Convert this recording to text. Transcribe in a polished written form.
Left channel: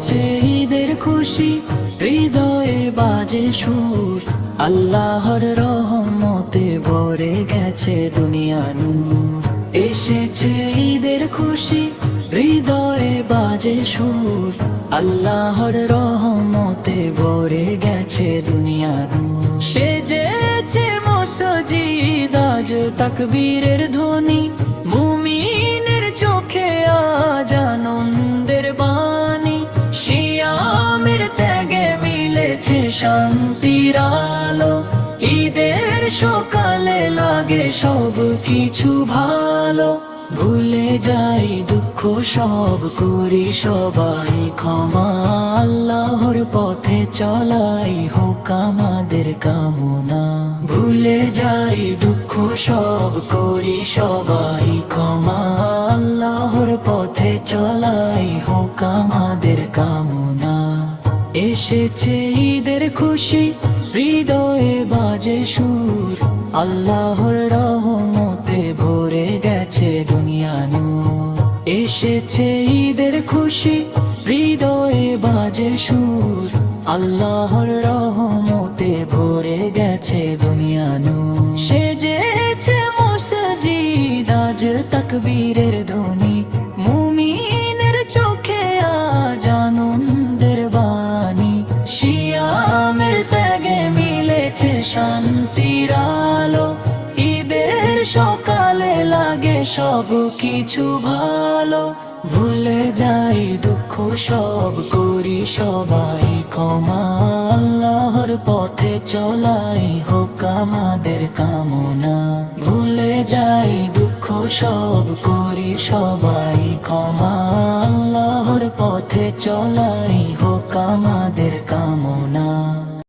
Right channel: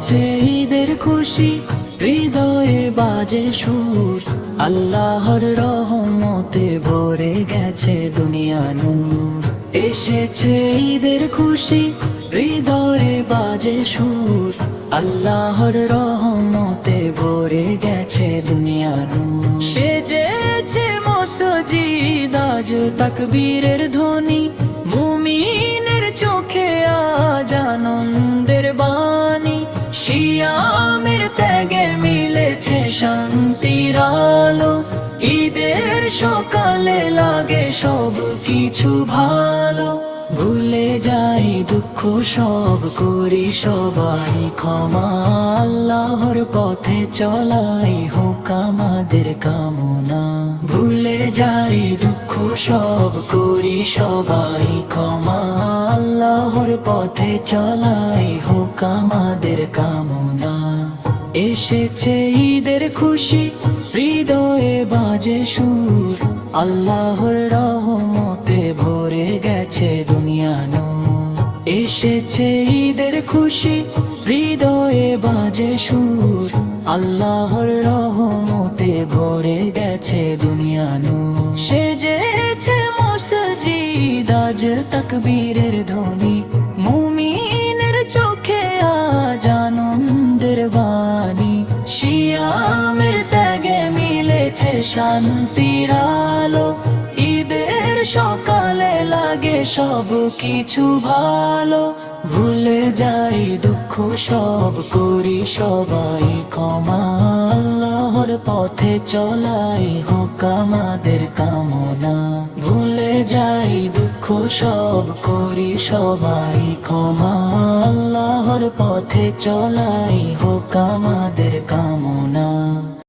এসেছে ঈদের খুশি, হৃদয়ে বাজে সুর, আল্লাহর রহমতে ভরে গেছে দুনিয়া নূর। এসেছে ঈদের খুশি, হৃদয়ে বাজে সুর, আল্লাহর রহমতে ভরে গেছে দুনিয়া নূর। সেজেছে মসজিদ আজ তাকবীরের ধ্বনি, মুমিনের চোখে আজ আনন্দের বাণী। সিয়ামের ত্যাগে মিলেছে শান্তির আলো, ঈদের সকালে লাগে সব কিছু ভালো। ভুলে যাই দুঃখ সব, করি সবাই ক্ষমা, আল্লাহর পথে চলাই হোক আমাদের কামনা। ভুলে যাই দুঃখ সব, করি সবাই ক্ষমা, আল্লাহর পথে চলাই হোক আমাদের কামনা। এসেছে ঈদের খুশি, হৃদয়ে বাজে সুর, আল্লাহর রহমতে ভরে গেছে দুনিয়া নূর। এসেছে ঈদের খুশি, হৃদয়ে বাজে সুর, আল্লাহর রহমতে ভরে গেছে দুনিয়া নূর। সেজেছে মসজিদ আজ তাকবীরের ধ্বনি, মুমিনের চোখে আজ আনন্দের বাণী। সিয়ামের ত্যাগে মিলেছে শান্তির আলো, ঈদের সকালে লাগে সব কিছু ভালো। ভুলে যাই দুঃখ সব, করি সবাই ক্ষমা, আল্লাহর পথে চলাই হোক আমাদের কামনা। ভুলে যাই দুঃখ সব, করি সবাই ক্ষমা, আল্লাহর পথে চলাই হোক আমাদের কামনা।